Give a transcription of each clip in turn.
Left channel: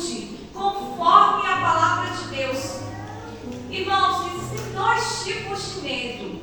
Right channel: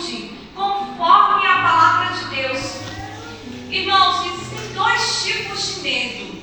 atitude conforme a palavra de Deus. Irmãos, existem dois tipos de medo.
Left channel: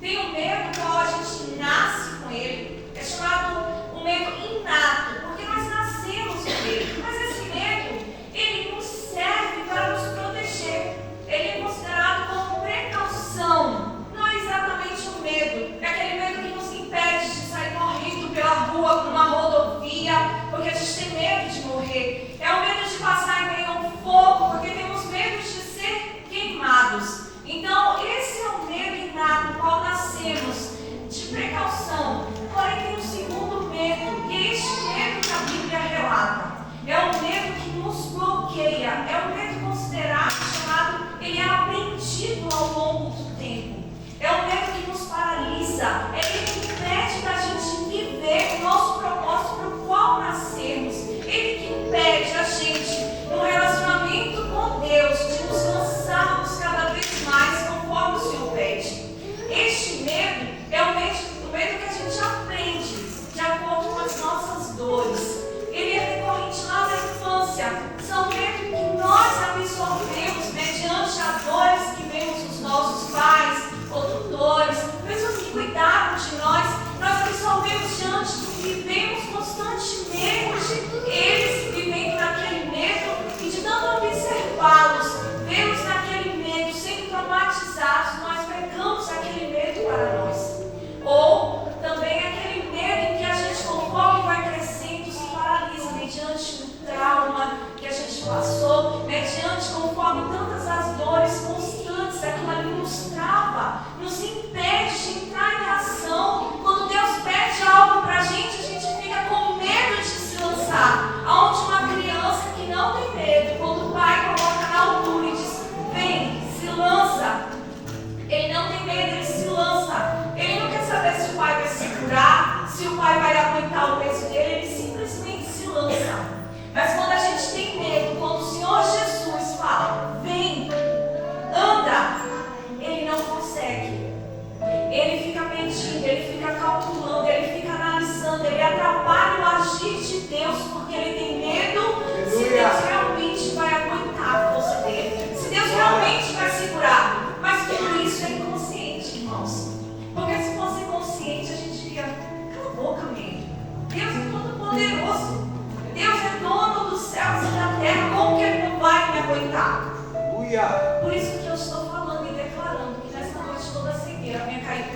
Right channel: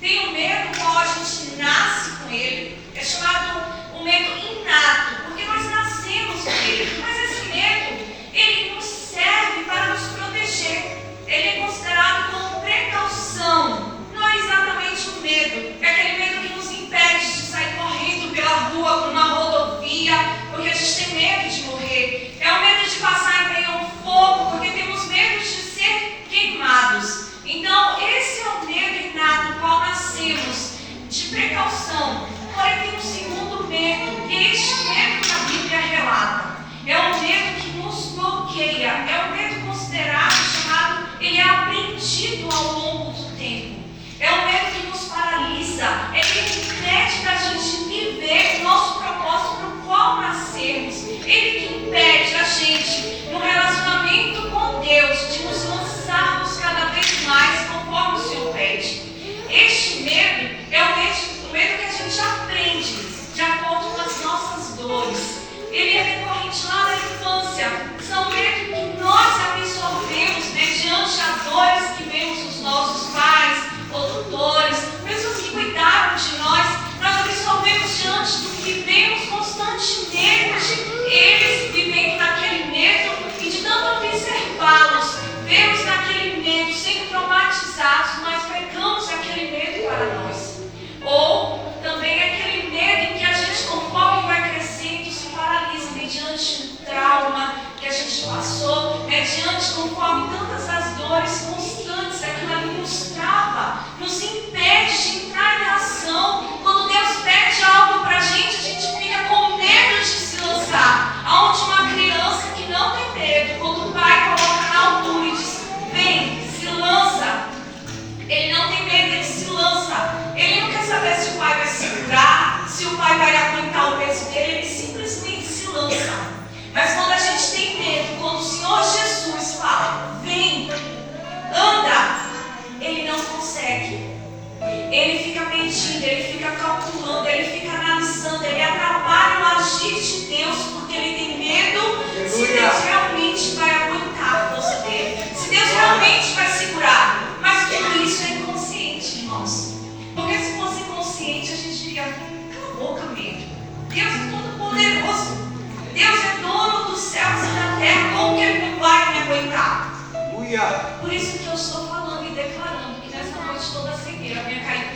Tem o medo qual a gente nasce com ele, é chamado o medo inato, porque nós nascemos com ele. Mas esse medo, ele nos serve para nos proteger. Ele é considerado como precaução. Não é exatamente um medo, é aquele medo que nos impede de sair correndo pela rua, por uma rodovia, porque a gente tem medo de morrer. É o medo de passar em meio a um fogo, porque temos medo de ser queimados. Então, esse é o medo inato, no qual nascemos, de precaução. Porém, tem um segundo medo, este medo que a Bíblia relata. É o medo que nos bloqueia, é o medo considerado, chamado, ele é aprendido ao longo do tempo. É o medo que nos paralisa, é ele que impede da gente viver o nosso propósito para o qual nascemos. Ele que impede a gente, no relacionamento com Deus, de nos lançarmos cada vez mais conforme o Senhor pede. Este medo é o medo que a gente aprende de acordo com as nossas dores. Ele é recorrente lá na infância. São medos que nós absorvemos mediante as dores que vemos dos nossos pais ou tutores, pessoas que cuidaram de nós. Nós absorvemos diante do que vivemos constantemente. Eles vivendo naquele medo e de tanto observá-los, vemos naquele medo, sendo traumatizados, nós pegamos aquele medo para nós. Ou também aquele medo em que a gente, conforme vai crescendo, se paralisa mediante um trauma que a gente passou, mediante, conforme tantas as dores constantes, aquilo ali nos trava, nos impede de entrar em ação. Quando Deus pede algo para a gente fica com medo de se lançar. Aonde uma criança que não tem medo, quando o pai coloca na altura e diz, vem, se lança, ele não tem medo, ele se lança. Ele não quer saber se o pai vai segurar, se o pai vai aguentar o peso dele, ele simplesmente se lança. Mas quando a gente tem medo, quando o Senhor Jesus fala, vem, anda, ele não consegue. Ele fica medindo, ele fica calculando, ele fica analisando, ele atrapalha o agir de Deus, porque ele tem medo se Deus realmente vai aguentar a força dele, se Deus realmente vai segurar. Mas tudo isso é inconsciente, irmãos. Porque se fosse consciente, a gente diria, cala a boca, medo. Deus é todo poderoso. Deus é dono dos céus e da terra. Como que ele não vai me aguentar? Por isso que eu estou falando e declarando que nessa noite toda a cegueira venha cair.